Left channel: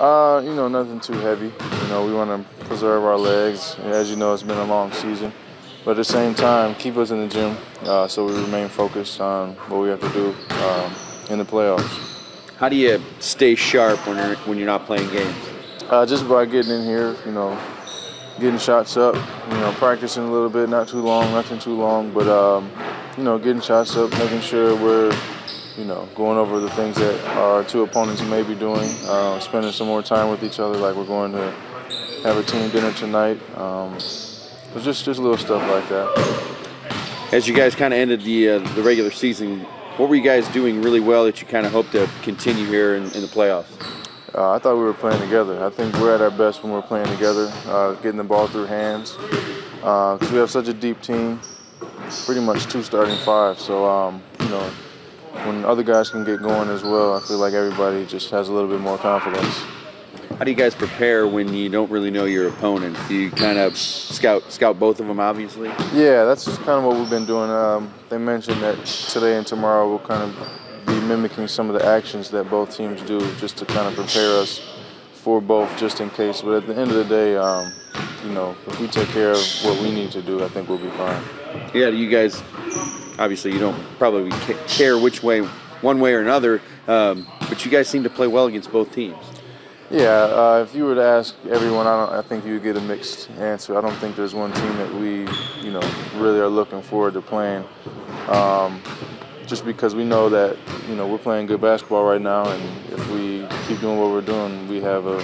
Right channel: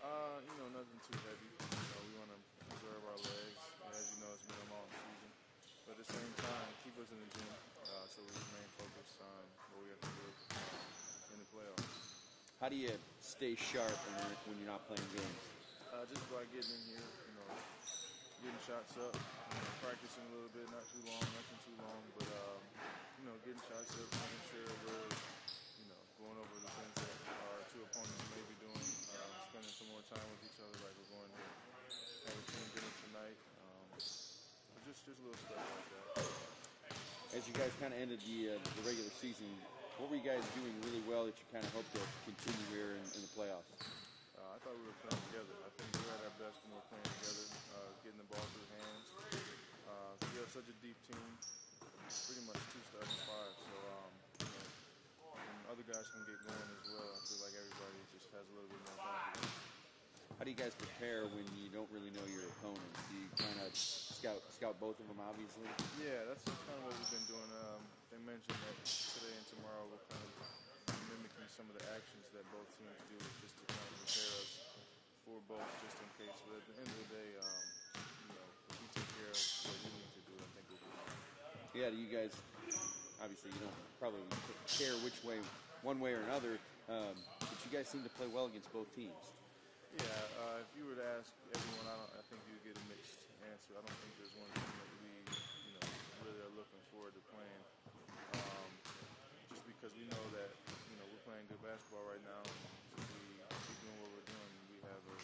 Nothing too heavy. We want to preserve our legs. As you know, it's been a long season. But at the same time, keep us in the gym so we remain focused on what we have to do in the playoffs. How do you stay sharp when you're not playing games? Just by getting in here, getting shots up, practicing a little bit, not too long, nothing too long, but, getting shots up, making sure we're going over the things that our two opponents may be doing, spending some more time with each other, like we're going to have a team dinner tonight. Just little stuff like that. As you guys kind of ended the regular season, what were you guys doing really well that you kind of hope to continue here in the playoffs? I thought we were playing together. I think we're at our best when we're playing together, getting the ball through hands. Because we have such a deep team, pretty much two starting five. So, when other guys can get going as well, I feel like everybody just has a little bit more confidence. How do you guys prepare when you don't really know your opponent? Do you kind of scout both of them, obviously? Yeah, that's kind of what we've been doing. They mentioned that today and tomorrow we'll kind of be mimicking some of the actions that both teams do just to kind of prepare us for both just in case. But at the end of the day, if we take care of what we need to do, I think we'll be fine. Yeah, you guys, obviously you don't probably care which way, one way or another, but you guys seem to play well against both teams. Yeah, if you were to ask everyone, I think you would get a mixed answer. I don't think there's one team that we, really are looking forward to playing. Just because we know that, we're playing good basketball right now, and if we keep doing what we're doing, we have a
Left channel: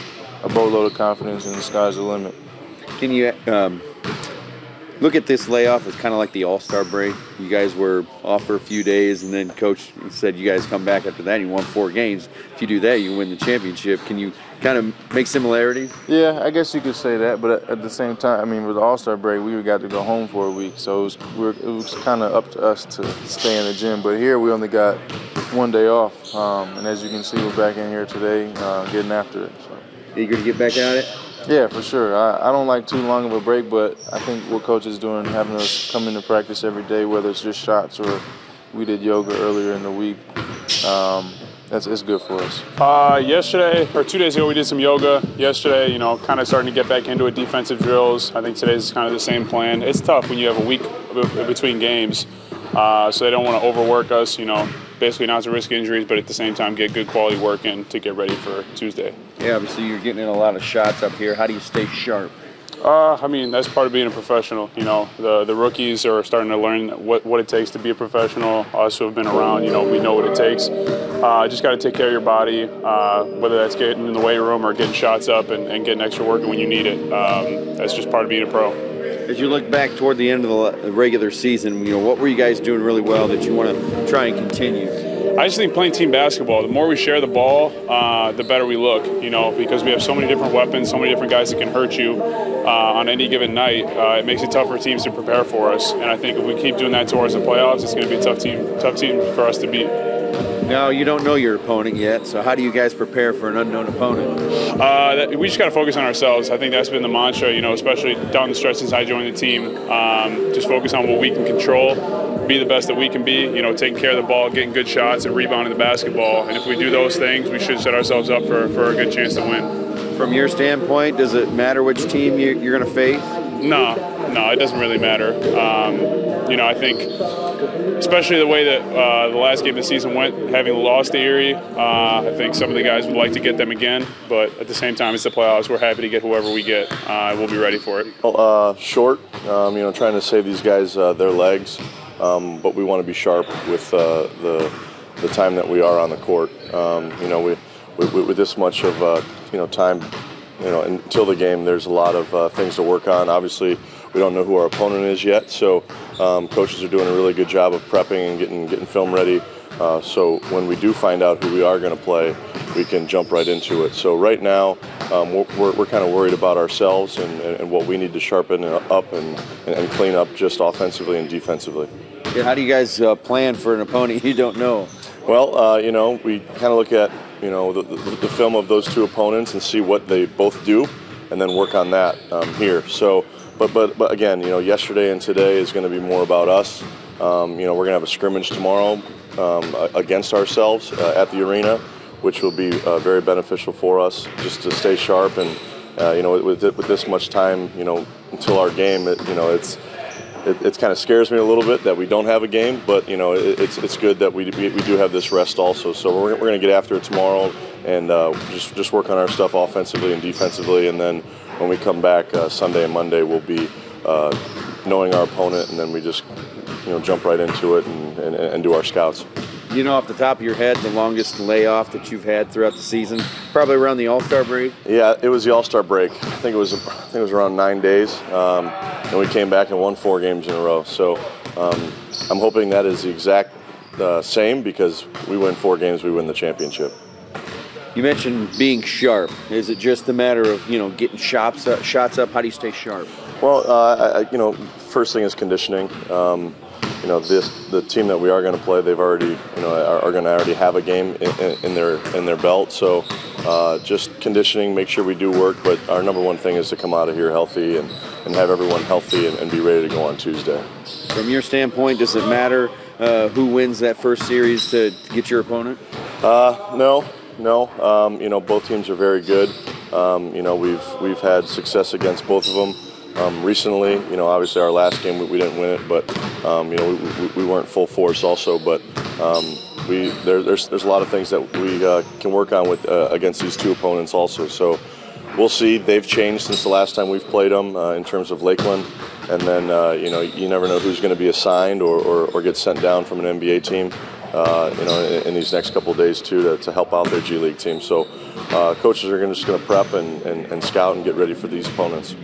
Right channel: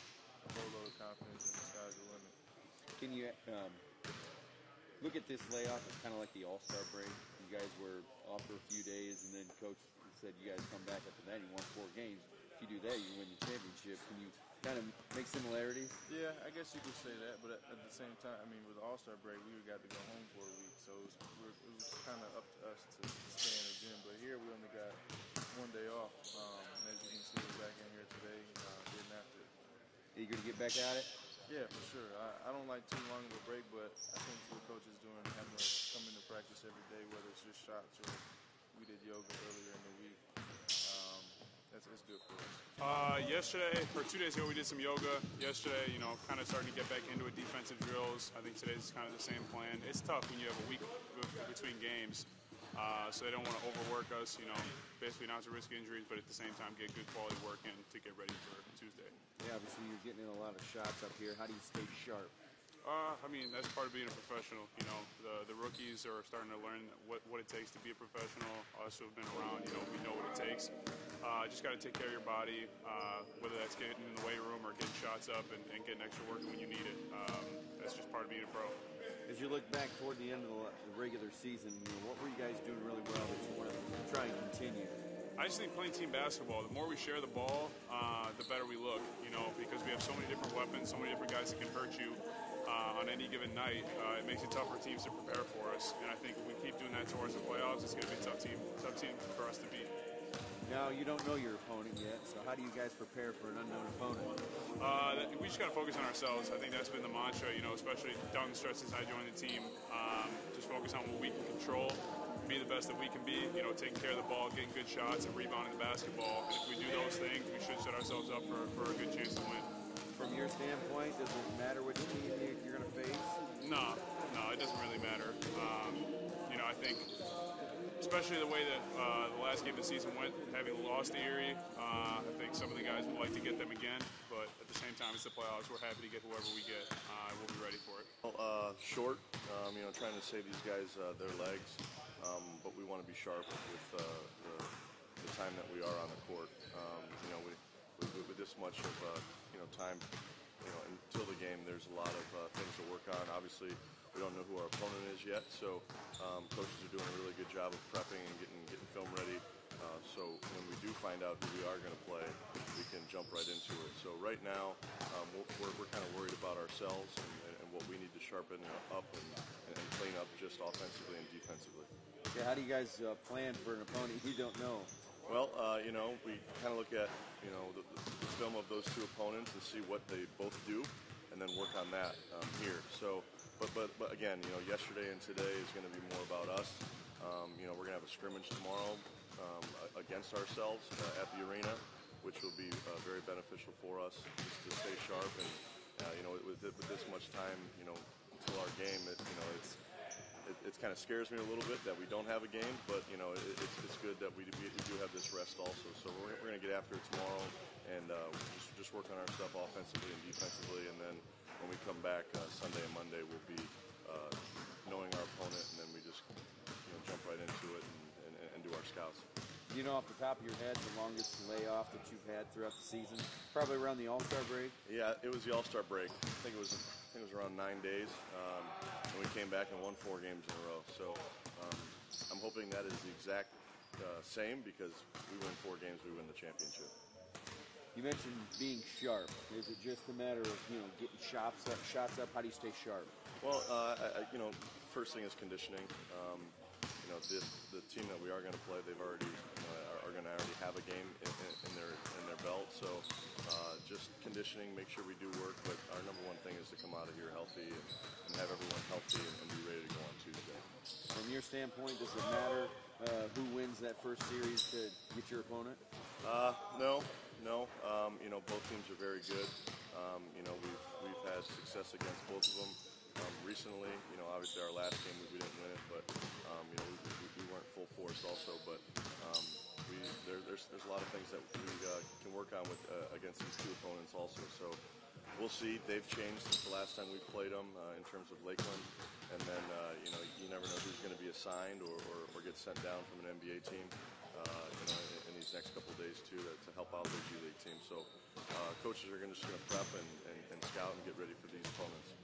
boatload of confidence, and the sky's the limit. Can you look at this layoff as kind of like the All-Star break? You guys were off for a few days, and then Coach said you guys come back after that and you won 4 games. If you do that, you win the championship. Can you kind of make similarities? Yeah, I guess you could say that, but at the same time, with the All-Star break, we got to go home for a week, so it was kind of up to us to stay in the gym. But here we only got 1 day off, and as you can see, we're back in here today getting after it. So. Eager to get back at it? Yeah, for sure. I don't like too long of a break, but I think what Coach is doing, having us come into practice every day, whether it's just shots or we did yoga earlier in the week, it's good for us. Yesterday, or 2 days ago, we did some yoga. Yesterday, kind of starting to get back into it, defensive drills. I think today's kind of the same plan. It's tough when you have a week between games, so they don't want to overwork us, basically not to risk injuries, but at the same time get good quality work in to get ready for Tuesday. Yeah, obviously you're getting in a lot of shots up here. How do you stay sharp? That's part of being a professional. The rookies are starting to learn what it takes to be a professional. Us who have been around, we know what it takes. Just got to take care of your body, whether that's getting in the weight room or getting shots up and getting extra work when you need it. That's just part of being a pro. As you look back toward the end of the regular season, what were you guys doing really well that you want to try and continue? I just think playing team basketball, the more we share the ball, the better we look, because we have so many different weapons, so many different guys that can hurt you on any given night. It makes it tough for teams to prepare for us. And I think if we keep doing that towards the playoffs, it's going to be a tough team for us to beat. Now, you don't know your opponent yet, so how do you guys prepare for an unknown opponent? We just got to focus on ourselves. I think that's been the mantra, especially down the stretch since I joined the team. Just focus on what we can control, be the best that we can be, taking care of the ball, getting good shots, and rebounding the basketball. And if we do those things, we should set ourselves up for a good chance to win. From your standpoint, does it matter which team you're going to face? No, it doesn't really matter. I think, especially the way that the last game of the season went, having lost to Erie, I think some of the guys would like to get them again. But at the same time, it's the playoffs. We're happy to get whoever we get. We'll be ready for it. Short, trying to save these guys their legs, but we want to be sharp with the time that we are on the court. With this much of time, until the game, there's a lot of things to work on. Obviously, we don't know who our opponent is yet, so coaches are doing a really good job of prepping and getting film ready. So when we do find out who we are going to play, we can jump right into it. So right now, we're kind of worried about ourselves and what we need to sharpen up and clean up just offensively and defensively. Yeah, how do you guys plan for an opponent you don't know? Well, we kind of look at the film of those two opponents and see what they both do, and then work on that here. So, but again, yesterday and today is going to be more about us. We're going to have a scrimmage tomorrow against ourselves at the arena, which will be very beneficial for us just to stay sharp. And with this much time, until our game, it kind of scares me a little bit that we don't have a game, but it's good that we do have this rest also. So we're going to get after it tomorrow and just work on our stuff offensively and defensively, and then when we come back Sunday and Monday, we'll be knowing our opponent, and then we just jump right into it and do our scouts. Off the top of your head, the longest layoff that you've had throughout the season, probably around the All-Star break? Yeah, it was the All-Star break. I think it was around 9 days, and we came back and won 4 games in a row. So I'm hoping that is the exact same, because we win 4 games, we win the championship. You mentioned being sharp. Is it just a matter of getting shots up? How do you stay sharp? Well, first thing is conditioning. The team that we are going to play, they've already, are going to already have a game in their belt. So just conditioning, make sure we do work. But our number one thing is to come out of here healthy and have everyone healthy and be ready to go on Tuesday. From your standpoint, does it matter who wins that first series to get your opponent? No. Both teams are very good. We've had success against both of them. Recently, obviously our last game we didn't win it, but we weren't full force also. But there's a lot of things that we can work on with against these two opponents also. So we'll see. They've changed since the last time we've played them in terms of Lakeland, and then you never know who's going to be assigned or get sent down from an NBA team. In these next couple of days too, to help out their G League team. So coaches are just going to prep and scout and get ready for these opponents.